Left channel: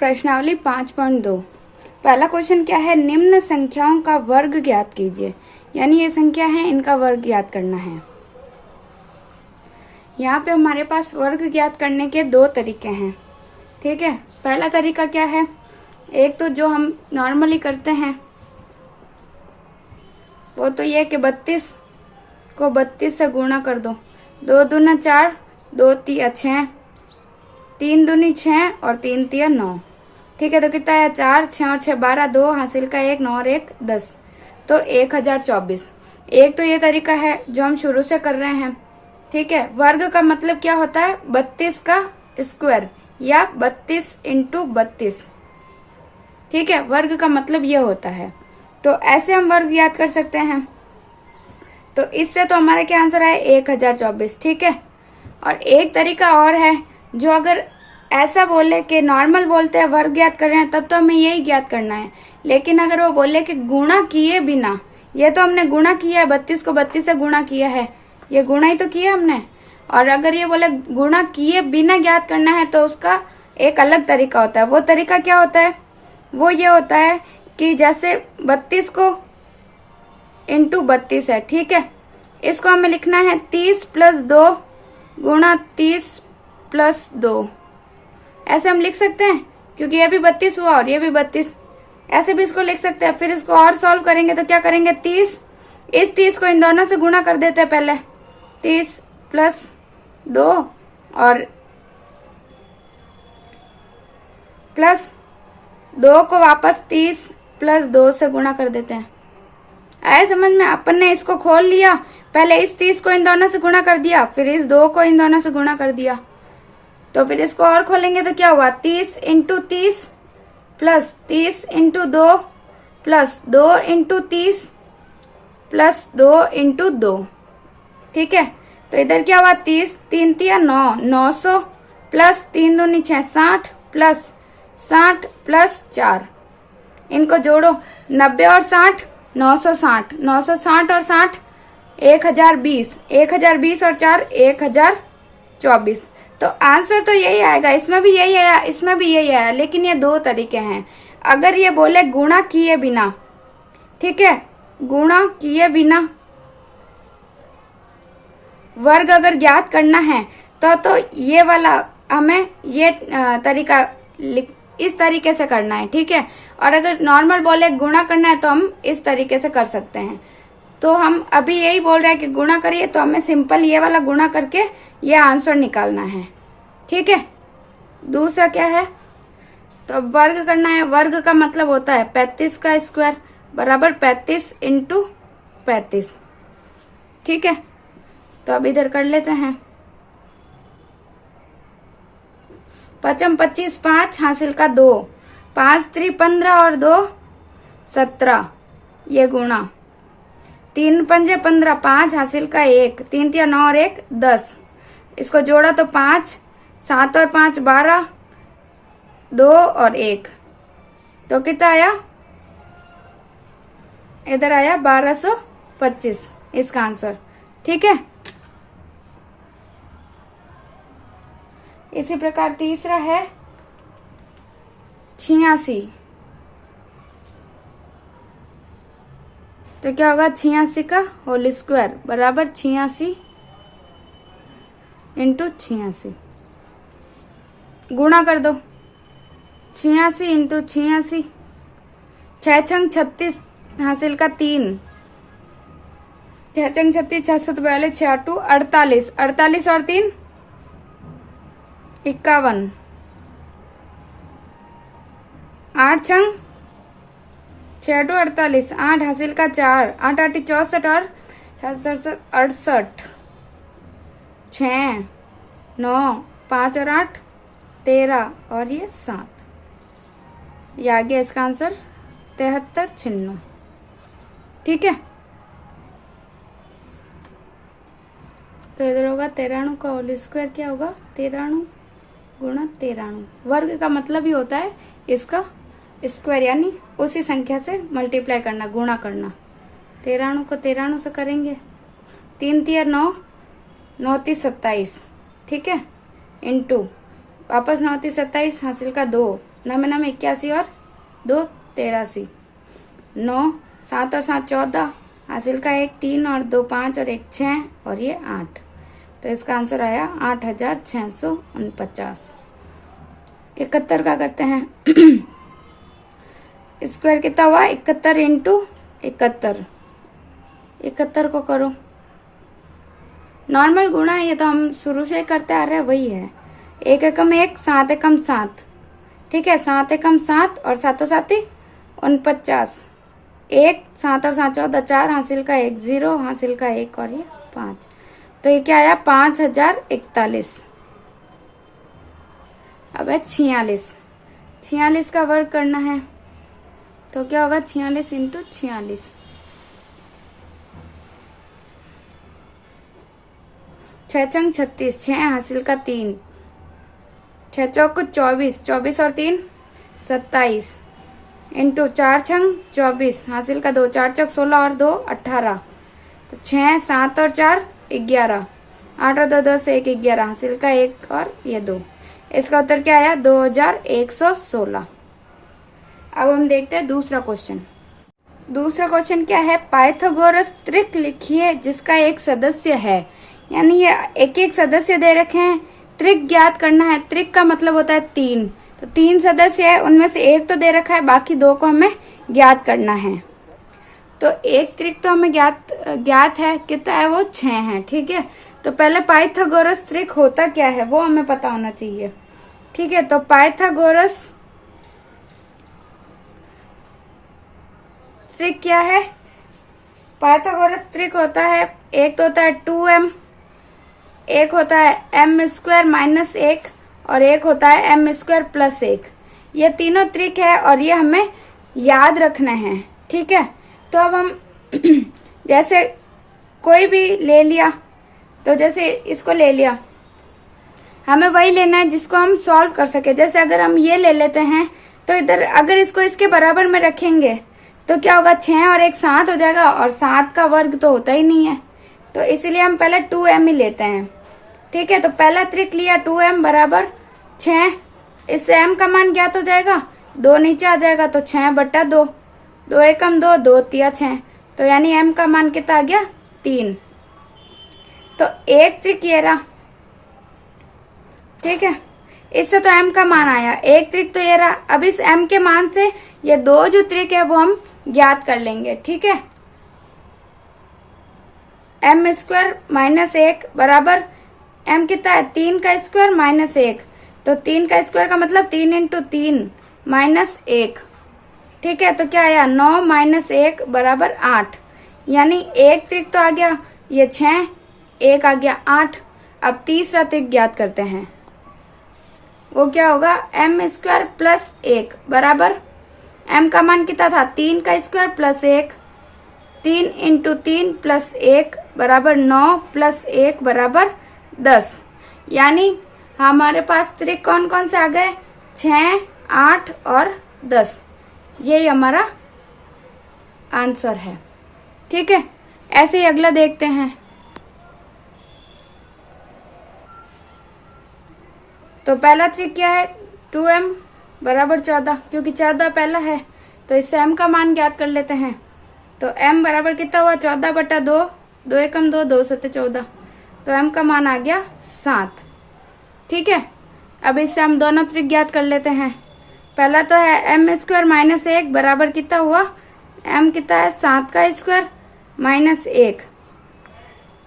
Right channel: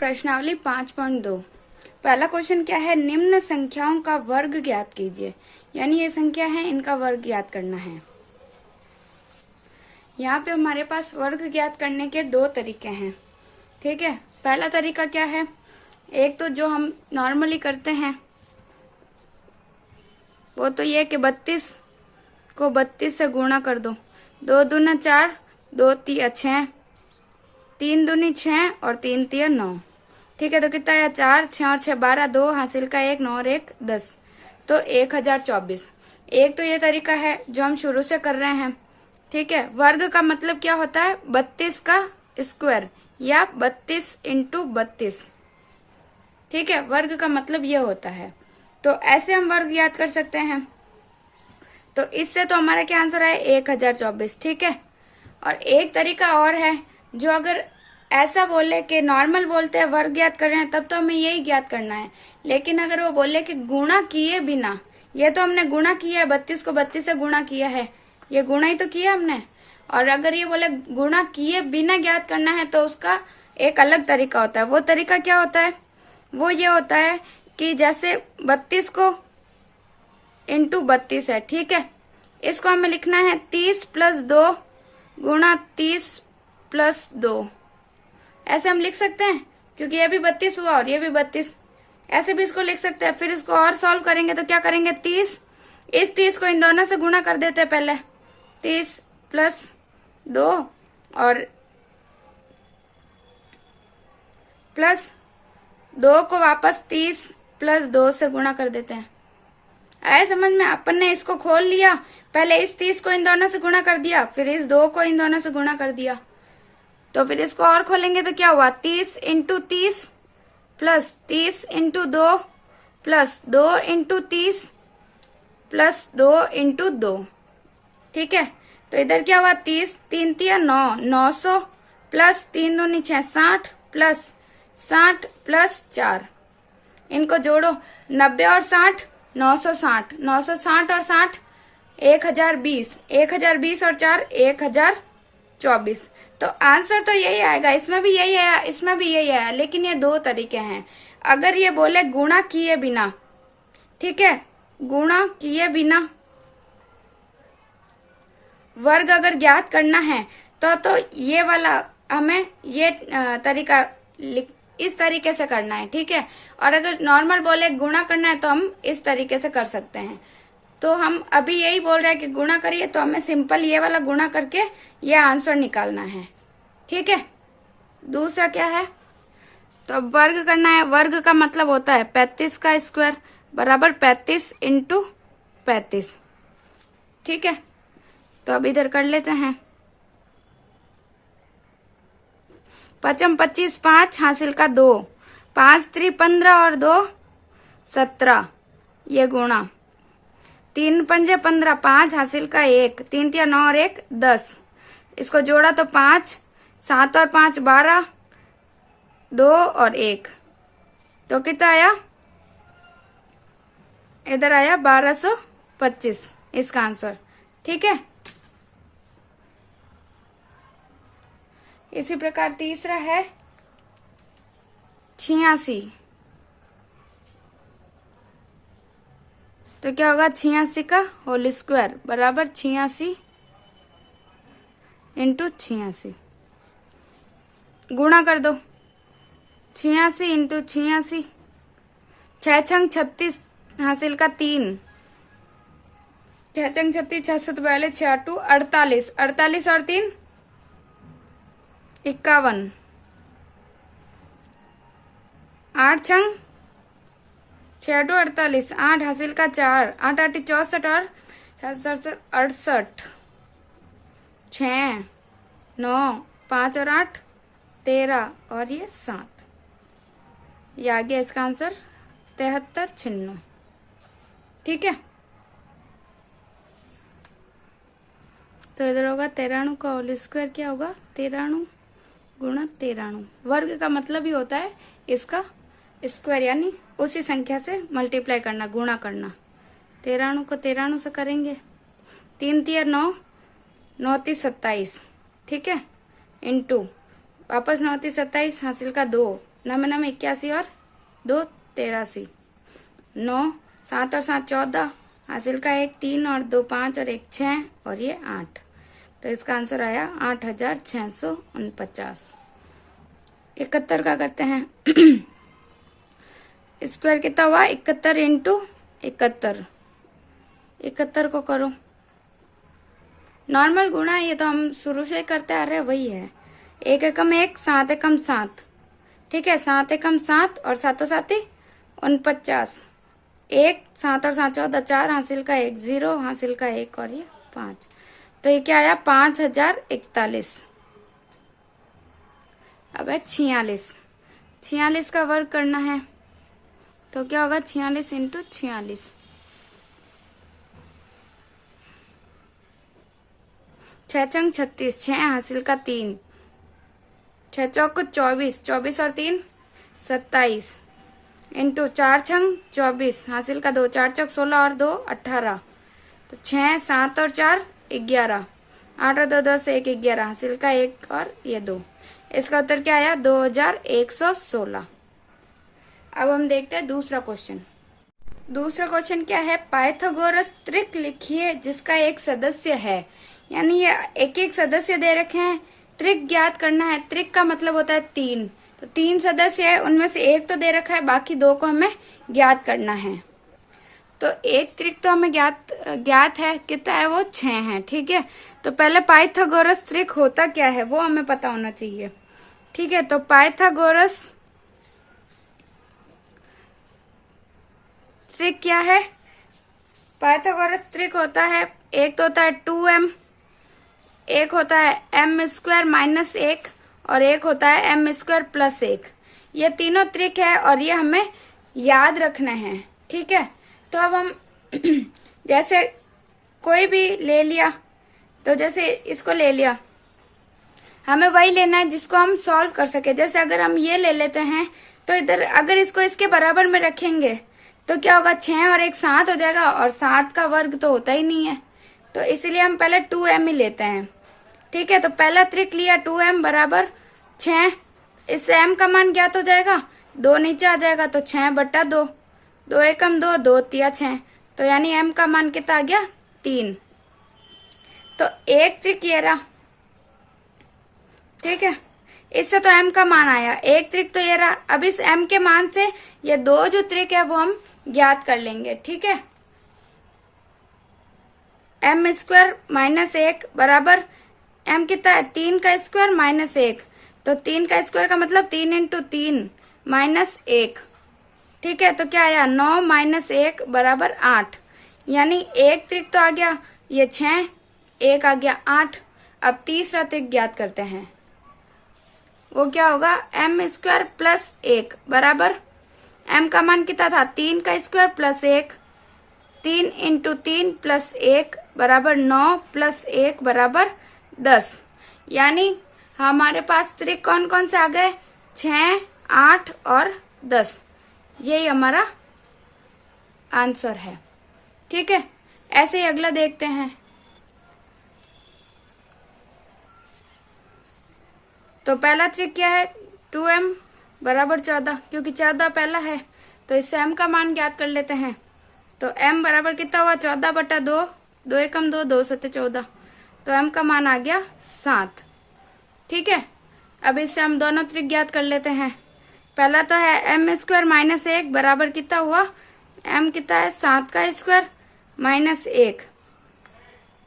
प्रश्नावली 5.2। पहला क्वेश्चन क्या है, निम्न संख्याओं का वर्ग ज्ञात कीजिए। यानी ये संख्या है, इनका वर्ग ज्ञात करना है। यहाँ पे हमारे पास वर्ग ज्ञात करने के दो तरीके हैं। ठीक है, पहला तरीका क्या है, एक तो जो हम नॉर्मली करते हैं वो तो ये कि 32 को 32 से गुणा कर दो। 2 दूना 4, 2 तिया 6, 3 दूनी 6 और 3 तिया 9। ठीक है, तो कितना है, 4, 6 और 6 12, 2 हासिल का 1, 9 और 1 10, तो 1024। एक तो ये तरीका है जो हम शुरू से कर रहे हैं। ठीक है, वर्ग का मतलब क्या होता है, 32 का स्क्वायर या 32 इंटू 32। ठीक है, वर्ग का मतलब ये होता है। तो ऐसे हम वर्ग याद कर सकते हैं। तो इससे तो हमारा क्या आंसर है, 1024। ठीक है, और एक तरीका और है, जो अगर ऐसा बोले कि नॉर्मल बोलते हैं वर्ग ज्ञात कर रहे हैं, तब तो हमें यही ज्ञात करना है। लेकिन अगर वो बोले कि गुणा किए बिना, ये तो हमने गुणा किया है, 32 को 32 से गुणा किया है, ये गुणा ही तो किया हमने। और अगर ये बोले गुणा किए बिना ज्ञात करना है, तो उसका एक अलग तरीका होता है। वो तरीका क्या होता है, वो ये होता है कि जैसे 32 को इंटू 32 है। ठीक है, इसको हमें लिखना है 30 + 2 गुणा 30 + 2। ऐसे हम लिख सकते हैं, क्योंकि ये भी 32 हुआ और ये भी 32। ऐसे भी इसको लिख सकते हैं। फिर इसको और सॉल्व करेंगे तो क्या करेंगे, 30, इस 30 को इन दोनों से गुणा कर देते हैं पहले, 30 + 2 और प्लस 2 को वापस 30 + 2 से गुणा कर देते हैं। आए समझ में, अपन ने इसको खोल लिया, पहले इस 30 को इन दोनों से गुणा कर दिया, फिर इस 2 को इन दोनों से गुणा कर दिया। तो फिर इसको और खोलेंगे तो क्या हुआ, 30 × 30 प्लस 30 × 2 प्लस 2 × 30 प्लस 2 × 2। ठीक है, तो इधर क्या हुआ, 30, 3 तिया 9, 900 प्लस 3 दूनी 6, 60 प्लस 60 प्लस 4। इनको जोड़ो, 90 और 60, 960, 960 और 60, 1020, 1020 और 4, 1024। तो आंसर तो यही आएगा, इसमें भी यही आया, इसमें भी यही आया। लेकिन ये दो तरीके हैं। अगर ये बोले गुणा किए बिना, ठीक है, गुणा किए बिना वर्ग अगर ज्ञात करना है तो ये वाला हमें ये तरीका इस तरीके से करना है। ठीक है, और अगर नॉर्मल बोले गुणा करना है तो हम इस तरीके से कर सकते हैं। तो हम अभी यही बोल रहे हैं कि गुणा करिए, तो हमें सिंपल ये वाला गुणा करके ये आंसर निकालना है। ठीक है, दूसरा क्या है, तो वर्ग करना है। वर्ग का मतलब होता है 35 का स्क्वायर बराबर 35 × 35। ठीक है, तो अब इधर कर लेते हैं। 5 × 25 5 हासिल का 2, 5 × 3 15 और 2 17, ये गुणा 3 × 5 15, 5 हासिल का 1, 3 तिया 9 और 1 10। इसको जोड़ा तो 5, 7 और 5 12, 2 और 1, तो कितना आया, इधर आया 1225 इसका आंसर। ठीक है, इसी प्रकार तीसरा है 86। तो क्या होगा, 86 का होल स्क्वायर बराबर 86 × 86। गुणा कर दो, 86 × 86, 6 छंग 36 हासिल का 3, 6 छंग 36, 600 तो पहले 6 2 48, 48 और 3 51, 8 छंग 6 2 48, 8 हासिल का 4, 8 8 64 और 68, 6 9 5 और 8 13 और ये 7, ये आ गया इसका आंसर 73 चिन्ह। ठीक है, तो इधर होगा 93 का होल स्क्वायर, क्या होगा 93 गुणा 93। वर्ग का मतलब ही होता है इसका स्क्वायर, यानी उसी संख्या से मल्टीप्लाई करना, गुणा करना। 93 को 93 से करेंगे, 3 तिया 9, 9 × 30 27। ठीक है, इंटू वापस 9 3 27, हासिल का 2, 9 में 9 81 और 2 83, 9 7 और 7 14, हासिल का 1 3 और 2 5 और 1 6 और ये 8। तो इसका आंसर आया 8649। 71 का करते हैं। स्क्वायर कितना हुआ? 71 इंटू 71। 71 को करो, नॉर्मल गुणा है, ये तो हम शुरू से करते आ रहे हैं, वही है। 1 एकम 1, 7 एकम 7, ठीक है, 7 एकम 7 और 7 7 49, 1 7 और 7 14, 4, हासिल का 1 0, हासिल का 1 और ये 5। तो ये क्या आया? 5041। अब है 46। 46 का वर्ग करना है, तो क्या होगा? 46 इंटू 46, 6 छंग 36, 6 हासिल का 3, 6 चौक 24, 24 और 3 27, इंटू 4 छंग 24, हासिल का 2, 4 चौक 16 और 2 18, तो 6 7 और 4 11, 8 और 2 2 से 1 11, हासिल का 1 और ये 2। इसका उत्तर क्या आया? 2116। अब हम देखते हैं दूसरा क्वेश्चन। दूसरा क्वेश्चन क्या है? पाइथागोरस त्रिक लिखिए जिसका एक सदस्य है, यानी ये एक एक सदस्य दे रखे हैं, त्रिक ज्ञात करना है। त्रिक का मतलब होता है 3, तो 3 सदस्य है, उनमें से एक तो दे रखा है, बाकी 2 को हमें ज्ञात करना है। तो एक त्रिक तो हमें ज्ञात है, कितना है वो? 6 है, ठीक है। तो पहले पाइथागोरस त्रिक होता क्या है वो हमें पता होना चाहिए, ठीक है। तो पाइथागोरस त्रिक क्या है? पाइथागोरस त्रिक होता है, एक तो होता है 2m, एक होता है m स्क्वायर माइनस 1 और एक होता है m स्क्वायर प्लस 1। ये तीनों त्रिक है और ये हमें याद रखना है, ठीक है। तो अब हम जैसे कोई भी ले लिया, तो जैसे इसको ले लिया, हमें वही लेना है जिसको हम सॉल्व कर सके। जैसे अगर हम ये ले लेते हैं, तो इधर अगर इसको इसके बराबर में रखेंगे तो क्या होगा? 6 और 1 7 हो जाएगा, और 7 का वर्ग तो होता ही नहीं है, तो इसीलिए हम पहले 2m ही लेते हैं, ठीक है। तो पहला त्रिक लिया 2m बराबर 6, इससे m का मान ज्ञात हो जाएगा, 2 नीचे आ जाएगा, तो 6/2, 2 एकम 2, 2 तिया 6, तो यानी m का मान कितना आ गया? 3। तो एक त्रिक ये रहा, ठीक है, इससे तो m का मान आया। एक त्रिक तो ये रहा। अब इस m के मान से ये 2 जो त्रिक है वो हम ज्ञात कर लेंगे, ठीक है। m स्क्वायर माइनस 1 बराबर m कितना है? 3 का स्क्वायर माइनस 1, तो 3 का स्क्वायर का मतलब 3 इंटू 3 माइनस 1, ठीक है। तो क्या आया? 9 माइनस 1 बराबर 8, यानी एक त्रिक तो आ गया, ये 6, एक आ गया 8। अब तीसरा त्रिक ज्ञात करते हैं, वो क्या होगा? m स्क्वायर प्लस 1 बराबर m का मान कितना था? 3 का स्क्वायर प्लस 1, 3 इंटू 3 प्लस 1 बराबर 9 प्लस 1 बराबर 10। यानी हमारे पास त्रिक कौन कौन से आ गए? 6, 8 और 10। यही हमारा आंसर है, ठीक है। ऐसे ही अगला देखते हैं। तो पहला त्रिक क्या है? 2m बराबर 14, क्योंकि 14 पहला है, तो इससे m का मान ज्ञात कर लेते हैं। तो m बराबर कितना हुआ? 14/2, 2 एकम 2, 2 7 14, तो m का मान आ गया 7, ठीक है। अब इससे हम दोनों त्रिक ज्ञात कर लेते हैं। पहला तो है m स्क्वायर माइनस 1 बराबर कितना हुआ? m कितना है? 7 का स्क्वायर माइनस 1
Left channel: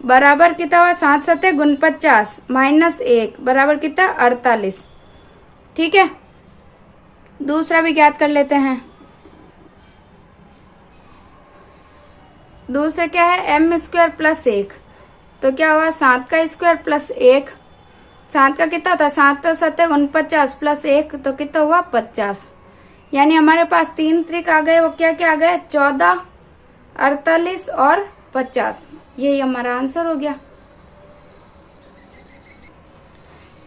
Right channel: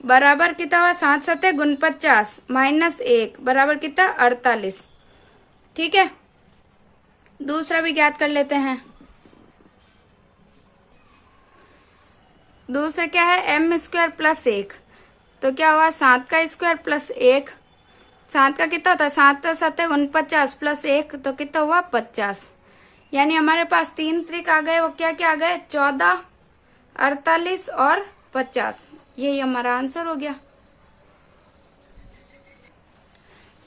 बराबर कितना हुआ? 7 7 49 माइनस 1 बराबर कितना? 48, ठीक है। दूसरा भी ज्ञात कर लेते हैं। दूसरा क्या है? m स्क्वायर प्लस 1, तो क्या हुआ? 7 का स्क्वायर प्लस 1, 7 का कितना होता है? 7 7 49 प्लस 1, तो कितना हुआ? 50। यानी हमारे पास 3 त्रिक आ गए, वो क्या क्या आ गए? 14, 48 और 50। यही हमारा आंसर हो गया।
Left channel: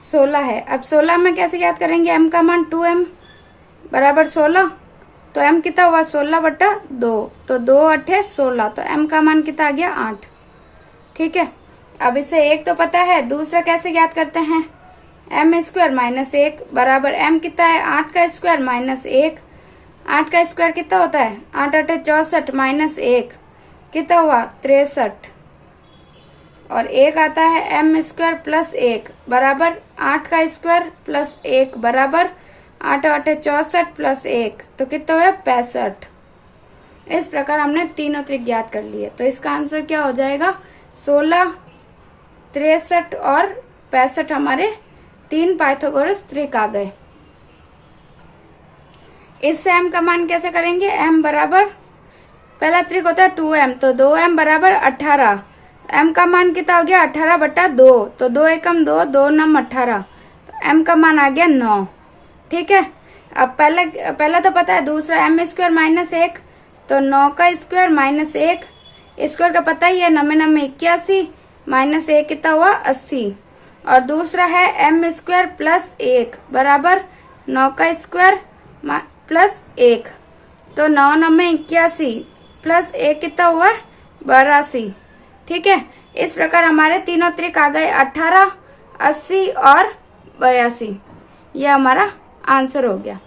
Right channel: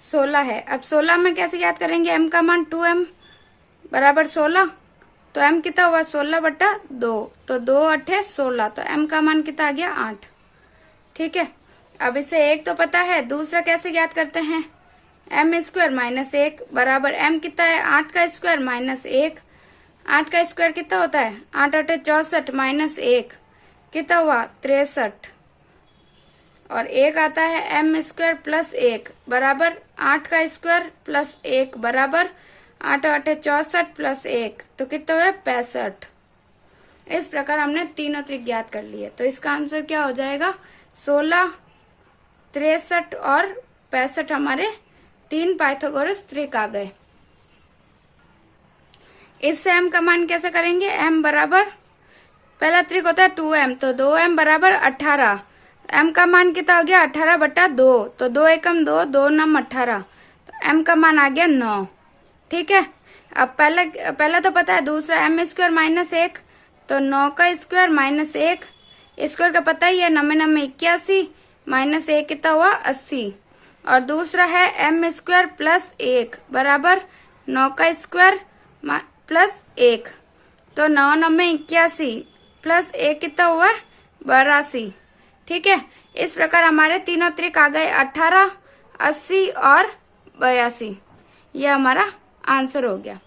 16 है। अब 16 में कैसे याद करेंगे? m का मान 2m बराबर 16, तो m कितना हुआ? 16/2, तो 2 8 16, तो m का मान कितना आ गया? 8, ठीक है। अब इसे एक तो पता है, दूसरा कैसे याद करते हैं? एम स्क्वायर माइनस 1 बराबर एम कितना है 8 का स्क्वायर माइनस 1। 8 का स्क्वायर कितना होता है 8 8 64 माइनस 1 कितना हुआ 63 और 1 आता है एम स्क्वायर प्लस 1 बराबर 8 का स्क्वायर प्लस 1 बराबर 8 8 64 प्लस 1 तो कितना हुआ 65। इस प्रकार हमने तीनों त्रिक ज्ञात कर लिए। तो इसका आंसर क्या हो जाएगा 16, 63 और 65 हमारे 3 पाइथागोरस त्रिक आ गए। इससे m का मान कैसे करेंगे m बराबर पहला त्रिक होता है 2m तो 2m बराबर 18। m का मान कितना हो गया 18 बटा 2 तो 2 एकम 2 2 नम 18 तो m का मान आ गया 9। ठीक है, अब पहला तो पता है, दूसरा एम स्क्वायर माइनस 1 तो 9 का स्क्वायर माइनस 1 स्क्वायर का पता ही है 9 9 81 माइनस 1 कितना हुआ 80 और दूसरा है एम स्क्वायर प्लस 1 बराबर 9 का स्क्वायर प्लस 1 तो 9 9 81 प्लस 1 कितना हुआ 82। ठीक है, इस प्रकार हमारे तीनों त्रिक आ गए 18, 80 और 82। यह हमारा आंसर हो गया।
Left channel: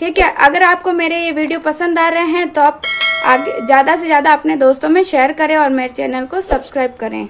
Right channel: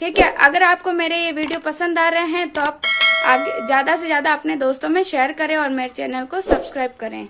ठीक है, अगर आपको मेरे ये वीडियो पसंद आ रहे हैं तो आप ज्यादा से ज्यादा अपने दोस्तों में शेयर करें और मेरे चैनल को सब्सक्राइब करें।